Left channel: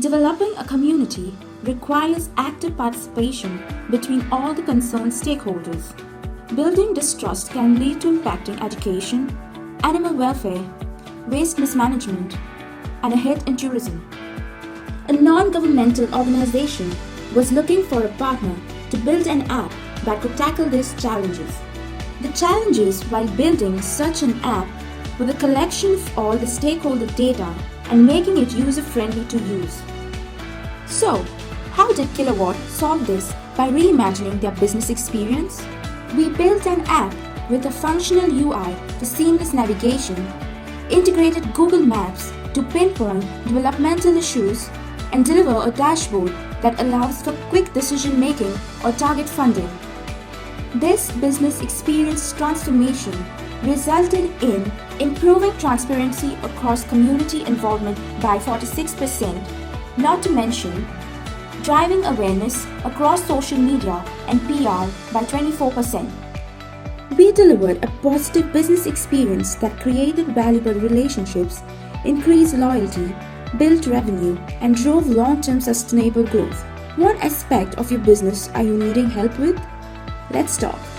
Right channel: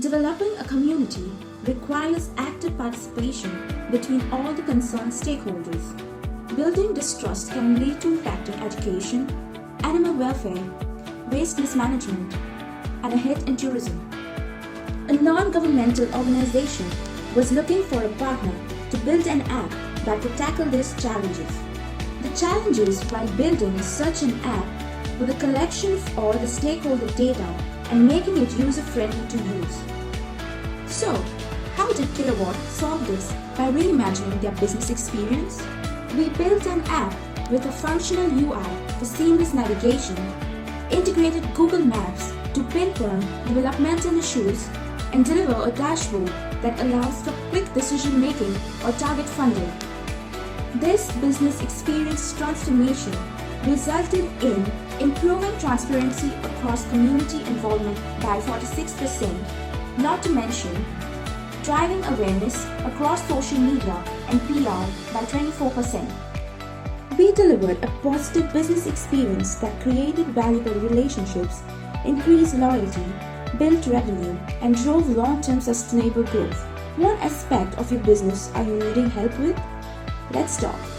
Developing a community requires active participation between all the concerned stakeholders. Building distrust can lead to impacting education, animal welfare, waste mismanagement, and a hit in tourism. A non-governmental organization was looking for a partner to build an app that could tackle these challenges. The challenges while building such an app were the collection of all the stakeholder data and making it user-friendly to use. So, how did Kilowatt solve this by reimagining their business experience? We built an app with a functional UI for seamless navigation, integrated Google Maps to pinpoint developmental issues, and deliver a dashboard that allows for quick decision-making or target funding. This business experience transformation resulted in improving transparency across community involvement by 46%, not to mention driving awareness across social media and PR by 24%. We delivered a positive business experience that created valuable relationships, increased loyalty, built revenue, and drove long-term sustainable growth. What aspect of your business are you needing help with? Let's talk.